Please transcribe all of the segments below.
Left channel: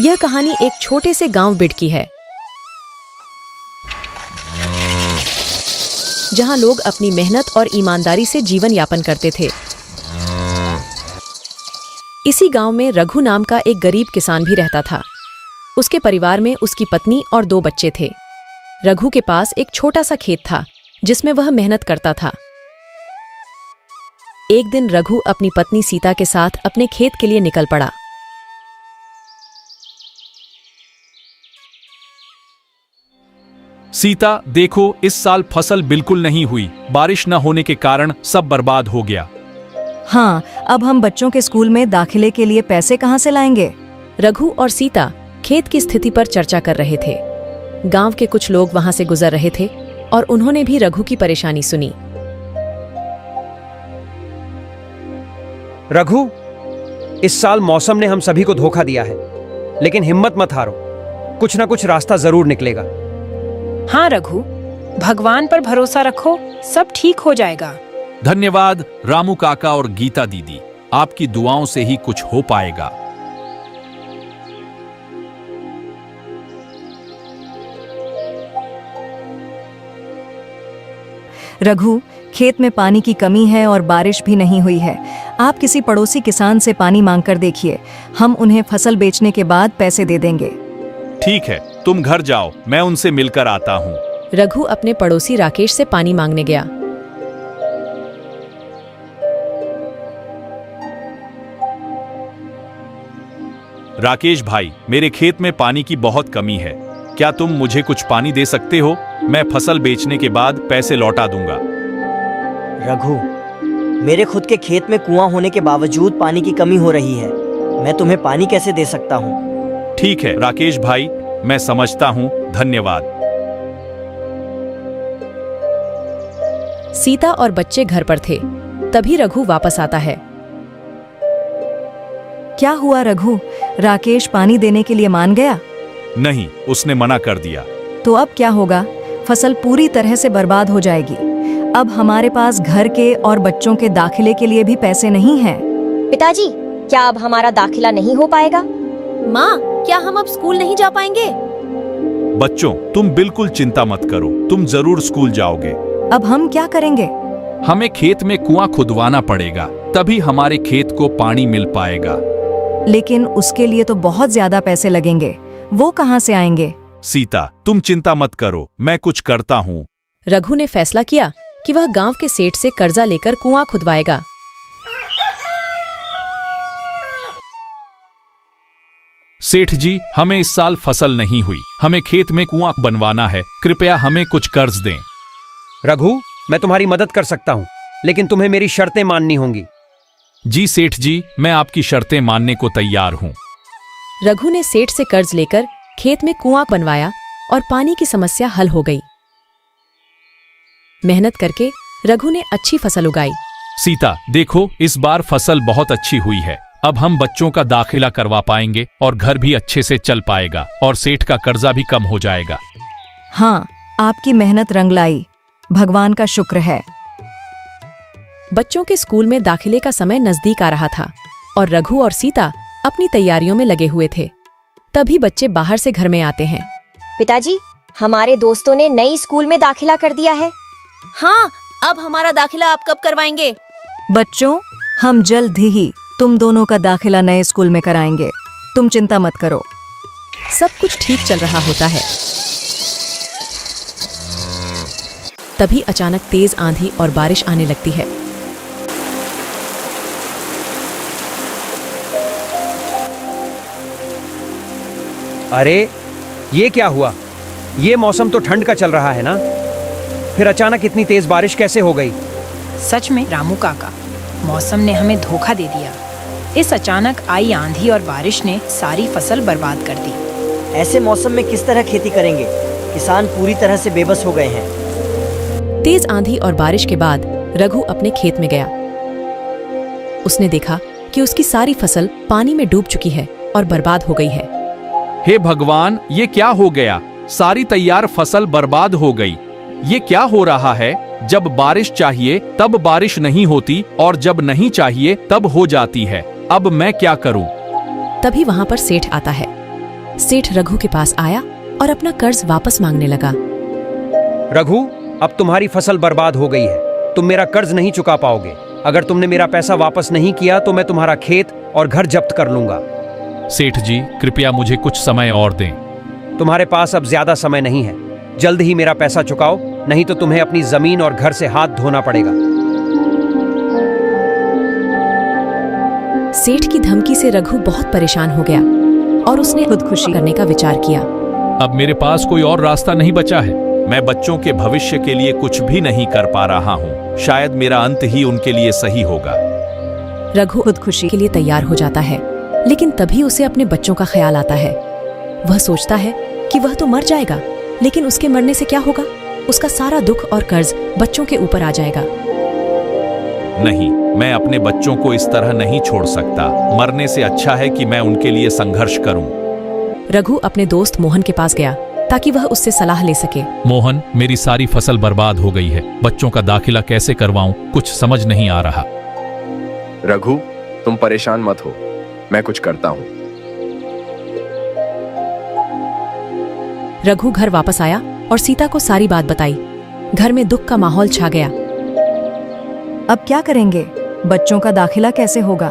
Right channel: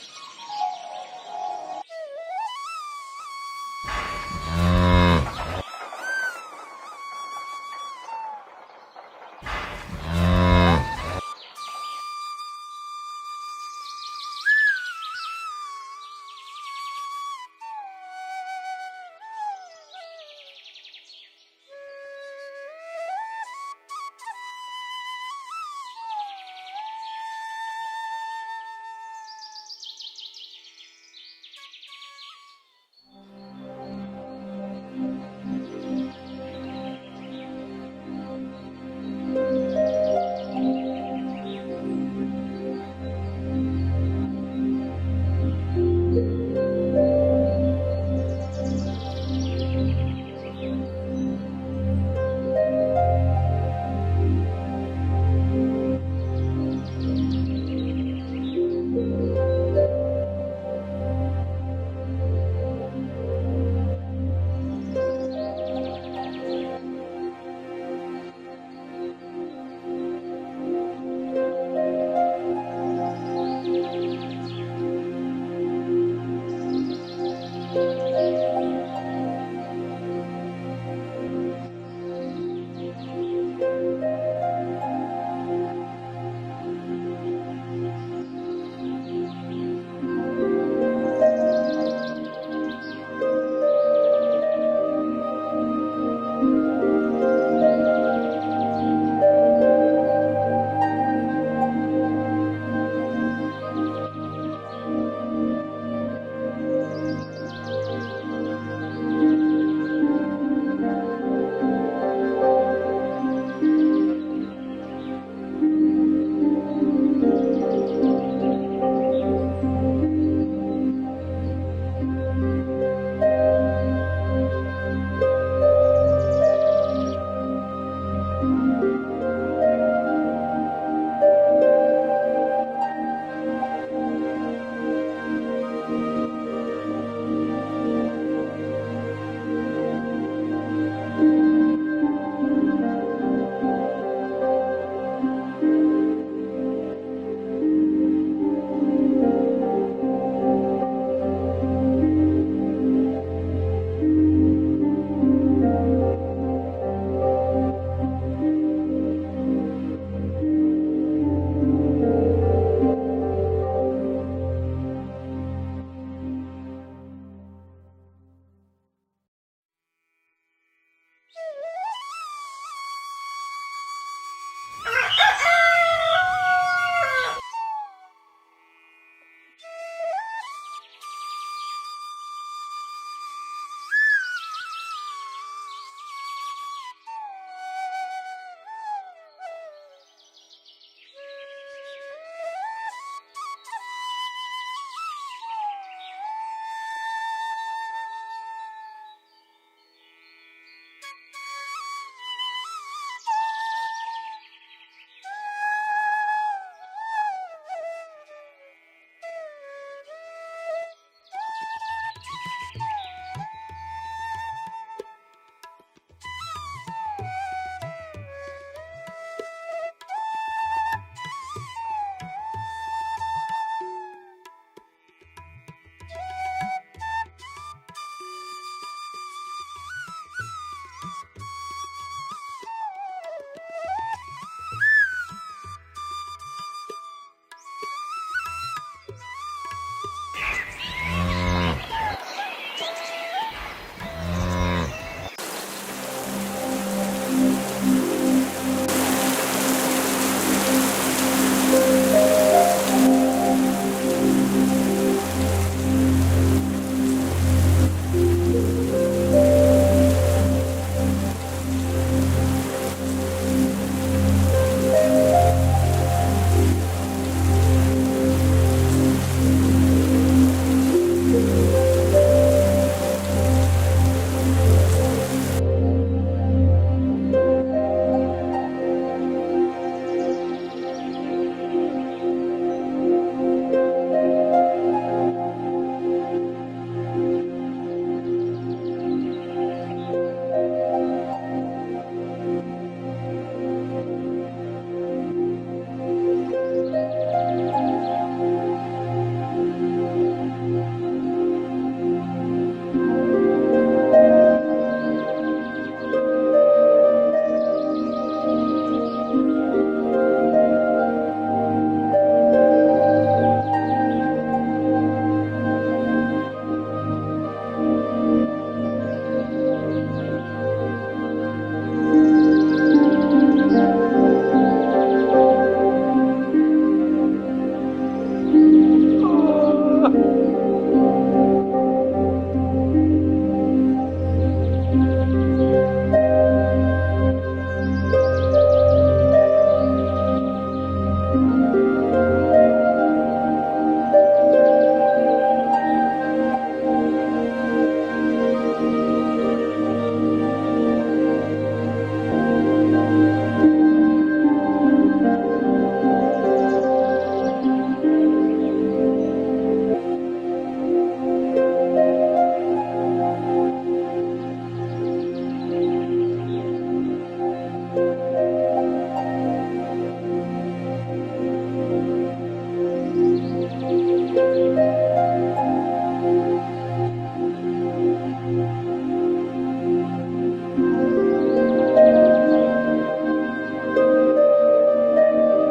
यह कहानी एक छोटे से गांव बिड की है, जहां लोग अपनी मेहनत और ईमानदारी से जीवन यापन करते थे। इसी गांव में रघु नाम का एक गरीब किसान भी रहता था। उसके परिवार में उसकी पत्नी और 2 बच्चे थे। रघु के पास एक छोटा सा खेत था जिसमें वह मेहनत करता था। एक दिन रघु अपनी पत्नी सीता के साथ अपने खेत के लिए निकल पड़ा। सीता, देखो इस साल फसल बिल्कुल नहीं हुई। बारिश न होने के कारण सब बर्बाद हो गया। हाँ, अब हम बच्चों के स्कूल में दाखिले के लिए पैसे कहाँ से लाएंगे? रघु और सीता खेत की स्थिति पर चर्चा कर रहे थे। गांव के कुछ लोग वहां से गुजर रहे थे और उन्होंने भी रघु की परेशानी सुनी। रघु, इस साल मौसम ने हम सभी को धोखा दिया है, लेकिन हिम्मत मत हारो, कुछ ना कुछ रास्ता जरूर निकलेगा। हाँ रघु, भगवान पर भरोसा रखो, सब ठीक हो जाएगा। धन्यवाद रामू काका और गीता दीदी, आपकी दुआओं से ही कुछ हो पाएगा। रघु, खेत में पानी की कमी है और बारिश भी नहीं हुई है। आप किसी पड़ोसी किसान से पानी मांगकर देखिए, हम उन्हें फसल बेचने के बाद पैसे दे देंगे। ठीक है, तुम घर जाओ, मैं उनसे मिलकर आता हूँ। रघु अपने पड़ोसी राकेश से पानी मांगने गया। राकेश भाई, मेरे खेत में पानी की बहुत कमी है, क्या तुम मुझे कुछ पानी दे सकते हो? मैं फसल बेचने के बाद पैसे लौटा दूंगा। रघु, मेरे खुद के खेत में कुआं होने के बावजूद पानी की कमी हो रही है, मैं तुम्हें पानी कैसे दे सकता हूँ? ठीक है राकेश भाई, मैं समझता हूँ, धन्यवाद। सीता और बच्चे घर पर थे, तभी रघु वापस आता है। क्या हुआ रघु? राकेश पानी देने के लिए मान गया? नहीं, उसने मना कर दिया। तो अब क्या होगा? फसल पूरी तरह से बर्बाद हो जाएगी। अब हमारे पास घर के और बच्चों के दाखिले के लिए भी पैसे नहीं हैं। पिताजी, क्या अब हमारा दाखिला नहीं हो पाएगा? माँ, क्या हम अब स्कूल नहीं जा पाएंगे? बच्चों, तुम बिल्कुल चिंता मत करो, तुम जरूर स्कूल जाओगे। अब हम क्या करेंगे? हमें खेत में कुआं खुदवाना पड़ेगा, तभी हमारे खेत को पानी मिल पाएगा। लेकिन उसके लिए तो बहुत ज्यादा पैसे लगेंगे, वो कहाँ से आएंगे? सीता, तुम चिंता मत करो, मैं कुछ करता हूँ। रघु ने फैसला किया कि वह गांव के सेठ से कर्जा लेकर कुआं खुदवाएगा। सेठ जी, हमें इस साल फसल नहीं हुई, हमें खेत में कुआं बनवाना है, कृपया हमें कुछ कर्ज दें। रघु, मैं तुम्हारी मदद कर सकता हूँ, लेकिन तुम्हें मेरी शर्तें माननी होंगी। जी सेठ जी, मैं आपकी शर्तें मानने को तैयार हूँ। रघु ने सेठ से कर्ज लेकर खेत में कुआं बनवाया और पानी की समस्या हल हो गई। मेहनत करके रघु ने अच्छी फसल उगाई। सीता, देखो इस बार फसल बहुत अच्छी हुई है, अब हम बच्चों का दाखिला करवा पाएंगे और घर भी अच्छे से चल पाएगा और सेठ का कर्जा भी कम हो जाएगा। हाँ, आपकी मेहनत रंग लाई, भगवान का शुक्र है। बच्चों के स्कूल में दाखिले का समय नजदीक आ रहा था और रघु और सीता अपनी तैयारियों में लगे हुए थे। तभी बच्चे बाहर से घर में आते हैं। पिताजी, हमारे दोस्तों ने नई स्कूल में दाखिला कर दिया है। हाँ, अब हमारा दाखिला आप कब करवाएंगे? बच्चों, हम जल्द ही तुम दोनों का दाखिला नए स्कूल में कराएंगे, तुम चिंता मत करो। सब कुछ ठीक चल रहा होता है। तभी अचानक तेज आंधी और बारिश आने लगती है। अरे, ये क्या हुआ? ये मौसम तो ठंड का चल रहा है ना, फिर अचानक इतनी तेज बारिश कैसे हो गई? सच में रामू काका, मौसम ने हमें धोखा दे दिया। इस अचानक आई आंधी और बारिश ने सारी फसल बर्बाद कर दी। ऐसे मौसम में किस तरह खेती करेंगे? किसान पूरी तरह से बेबस हो गए हैं। तेज आंधी और बारिश के बाद रघु अपने खेत में गया। उसने देखा कि उसकी सारी फसल पानी में डूब चुकी है और बर्बाद हो गई है। हे भगवान, ये क्या हो गया? सारी तैयार फसल बर्बाद हो गई। ये क्या हो रहा है? जब बारिश चाहिए तब बारिश नहीं होती और जब नहीं चाहिए तब हो जाती है। अब मैं क्या करूं? तभी वहां पर सेठ आता है। सेठ रघु के पास आया और अपना कर्ज वापस मांगने लगा। रघु, अब तुम्हारी फसल बर्बाद हो गई है। तुम मेरा कर्ज नहीं चुका पाओगे। अगर तुमने मेरा पैसा वापस नहीं किया तो मैं तुम्हारा खेत और घर जब्त कर लूंगा। सेठ जी, कृपया मुझे कुछ समय और दें। तुम्हारे पास अब ज्यादा समय नहीं है। जल्द ही मेरा पैसा चुकाओ, नहीं तो तुम्हें अपनी जमीन और घर से हाथ धोना पड़ेगा। सेठ की धमकी से रघु बहुत परेशान हो गया और उसने खुदकुशी करने का विचार किया। अब मेरे पास कोई और रास्ता नहीं बचा है। मैं बच्चों के भविष्य के लिए कुछ भी नहीं कर पा रहा हूँ। शायद मेरा अंत ही उनके लिए सही होगा। रघु खुदकुशी के लिए तैयार हो जाता है, लेकिन तभी उसे अपने बच्चों का ख्याल आता है। वह सोचता है कि वह तो मर जाएगा, लेकिन उसके मरने से क्या होगा? उसका सारा दुख और कर्ज बच्चों के ऊपर आ जाएगा। नहीं, मैं अपने बच्चों को इस तरह नहीं छोड़ सकता। मरने से अच्छा है कि मैं उनके लिए संघर्ष करूं। रघु अपने दोस्त मोहन के पास गया ताकि वह उससे सलाह ले सके। मोहन, मेरी सारी फसल बर्बाद हो गई है। बच्चों का दाखिला कैसे करवाऊं, कुछ समझ नहीं आ रहा। रघु, तुम परेशान मत हो, मैं कुछ करता हूँ। रघु घर वापस आया और सीता को सारी बात बताई। घर में दुख का माहौल छा गया। अब क्या करेंगे? बच्चों का दाखिला कैसे होगा?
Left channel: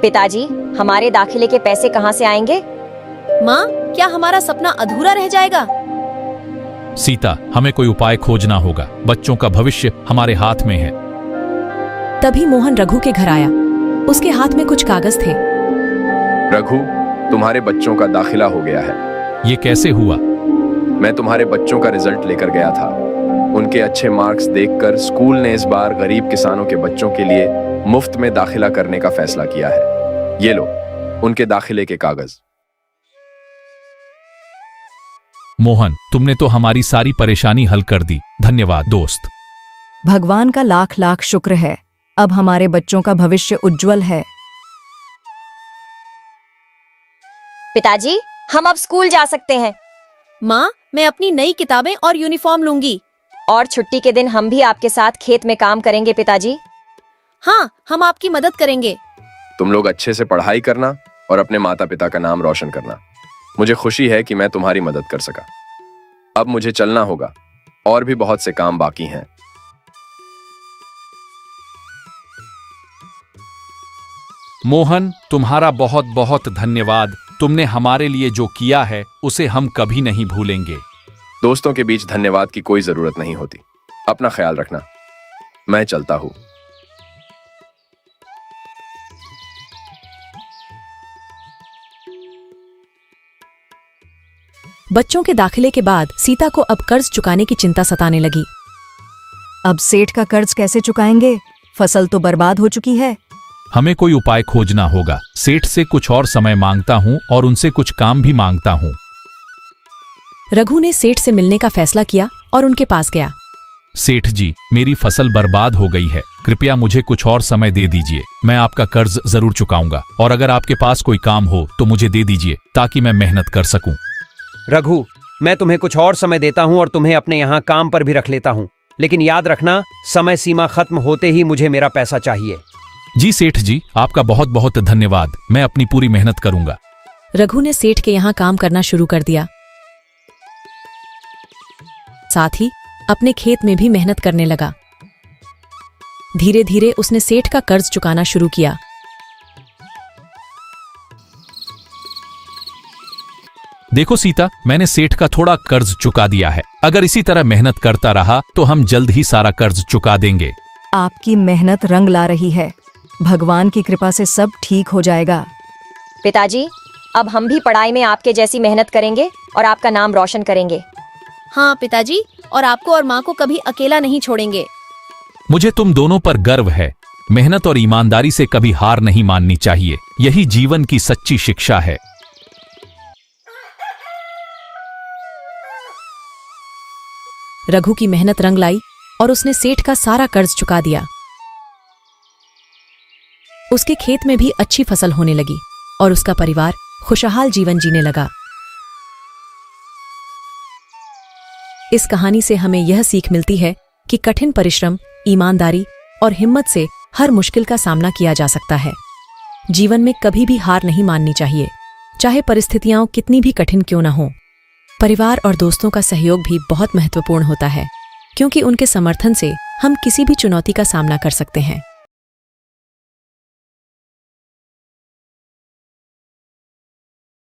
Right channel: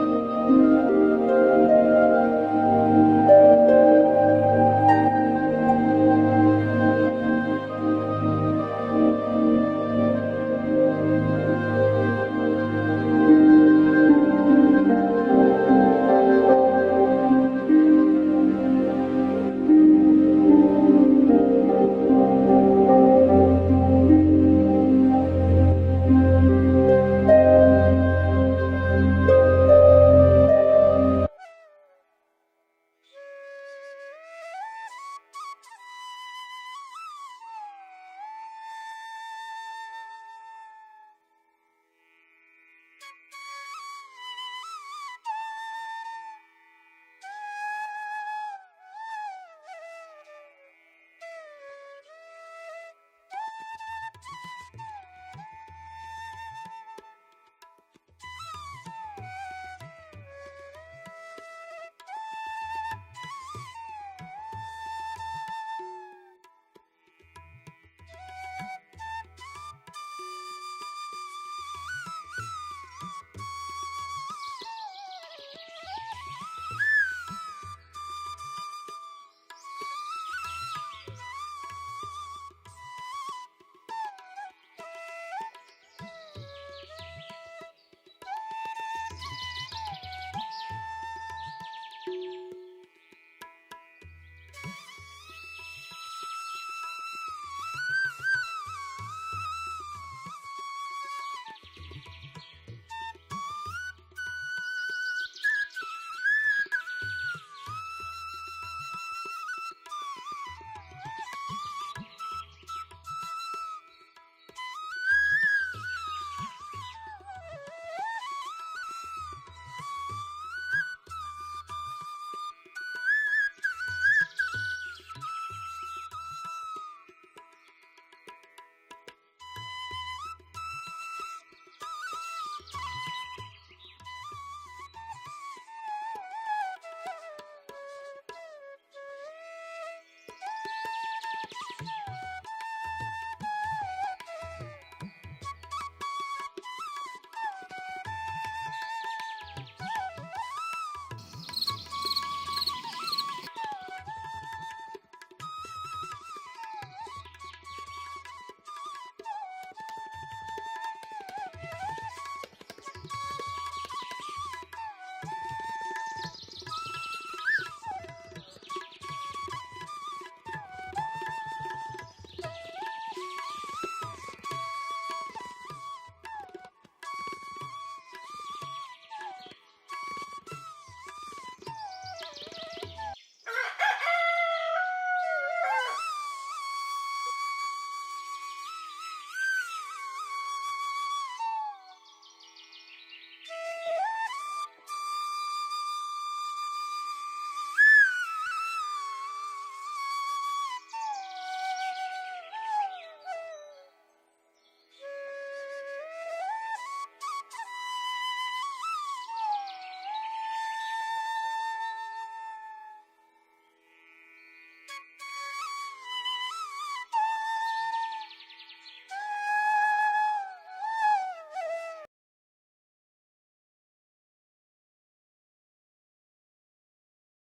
पिताजी, हमारे दाखिले के पैसे कहाँ से आएंगे? माँ, क्या हमारा सपना अधूरा रह जाएगा? सीता, हमें कोई उपाय खोजना होगा। बच्चों का भविष्य हमारे हाथ में है। तभी मोहन रघु के घर आया। उसके हाथ में कुछ कागज थे। रघु, तुम्हारे बच्चों का दाखिला हो गया है। ये कैसे हुआ? मैं तुम्हारे बच्चों का रिजल्ट लेकर गया था। उनके अच्छे मार्क्स देखकर स्कूल ने इस बार गरीब किसानों के बच्चों के लिए मुफ्त में दाखिला करने का फैसला किया है। ये लो, उनके दाखिले के कागज। मोहन, तुमने तो हमारी सारी परेशानी हल कर दी। धन्यवाद दोस्त। भगवान का लाख लाख शुक्र है। अब हमारे बच्चों का भविष्य उज्जवल है। पिताजी, हम अब स्कूल जा सकते हैं। माँ, मैं अपनी नई किताबें और यूनिफॉर्म लूंगी। और छुट्टी के दिन हम भी आपके साथ खेत में काम करेंगे पिताजी। हाँ, हम आपकी मदद करेंगे। तुम लोग अच्छे से पढ़ाई करना और अपने माता पिता का नाम रोशन करना। मुझे खुशी है कि मैं तुम्हारी मदद कर सका। अब मुझे चलना होगा, और भी बहुत से काम बाकी हैं। मोहन, तुम्हारा बहुत बहुत धन्यवाद। तुमने हमारे लिए जो किया है उसे हम कभी नहीं भूलेंगे। दोस्तों के बीच धन्यवाद की कोई जरूरत नहीं होती। अपना ख्याल रखना। मैं चलता हूँ। बच्चों के दाखिले के बाद सीता को अब कर्ज चुकाने की चिंता सताने लगी। अब सेठ का कर्ज कैसे चुकाएंगे? फसल तो बर्बाद हो चुकी है। हमें कोई उपाय खोजना होगा। सेठ से कुछ और समय मांगता हूँ और उनसे कुछ काम भी मांगता हूँ। रघु ने सेठ से मिलने का फैसला किया और उनके पास गया। सेठ जी, मेरी फसल बर्बाद हो गई है। कृपया मुझे कुछ और समय दे दीजिए। मैं आपका कर्ज जरूर चुकाऊंगा, और अगर आपके पास कोई काम हो तो मुझे दे दीजिए ताकि मैं मेहनत कर सकूं। रघु, मैं तुम्हें कुछ और समय देता हूँ और तुम्हें अपने यहाँ काम पर भी रख लेता हूँ, लेकिन याद रखना, समय सीमा खत्म होते ही मुझे मेरा पैसा चाहिए। जी सेठ जी, आपका बहुत बहुत धन्यवाद। मैं अपनी पूरी मेहनत करूंगा। रघु ने सेठ के यहाँ काम करना शुरू कर दिया। साथ ही अपने खेत में भी मेहनत करने लगा। धीरे धीरे उसने सेठ का कर्ज चुकाना शुरू किया। देखो सीता, मैंने सेठ का थोड़ा कर्ज चुका दिया है। अगर इसी तरह मेहनत करता रहा तो हम जल्द ही सारा कर्ज चुका देंगे। आपकी मेहनत रंग ला रही है। भगवान की कृपा से सब ठीक हो जाएगा। पिताजी, अब हम भी पढ़ाई में आपके जैसी मेहनत करेंगे और आपका नाम रोशन करेंगे। हाँ पिताजी, और आपको और माँ को कभी अकेला नहीं छोड़ेंगे। मुझे तुम दोनों पर गर्व है। मेहनत और ईमानदारी से कभी हार नहीं माननी चाहिए। यही जीवन की सच्ची शिक्षा है। रघु की मेहनत रंग लाई और उसने सेठ का सारा कर्ज चुका दिया। उसके खेत में भी अच्छी फसल होने लगी और उसका परिवार खुशहाल जीवन जीने लगा। इस कहानी से हमें यह सीख मिलती है कि कठिन परिश्रम, ईमानदारी और हिम्मत से हर मुश्किल का सामना किया जा सकता है। जीवन में कभी भी हार नहीं माननी चाहिए। चाहे परिस्थितियां कितनी भी कठिन क्यों न हो। परिवार और दोस्तों का सहयोग भी बहुत महत्वपूर्ण होता है, क्योंकि उनके समर्थन से हम किसी भी चुनौती का सामना कर सकते हैं।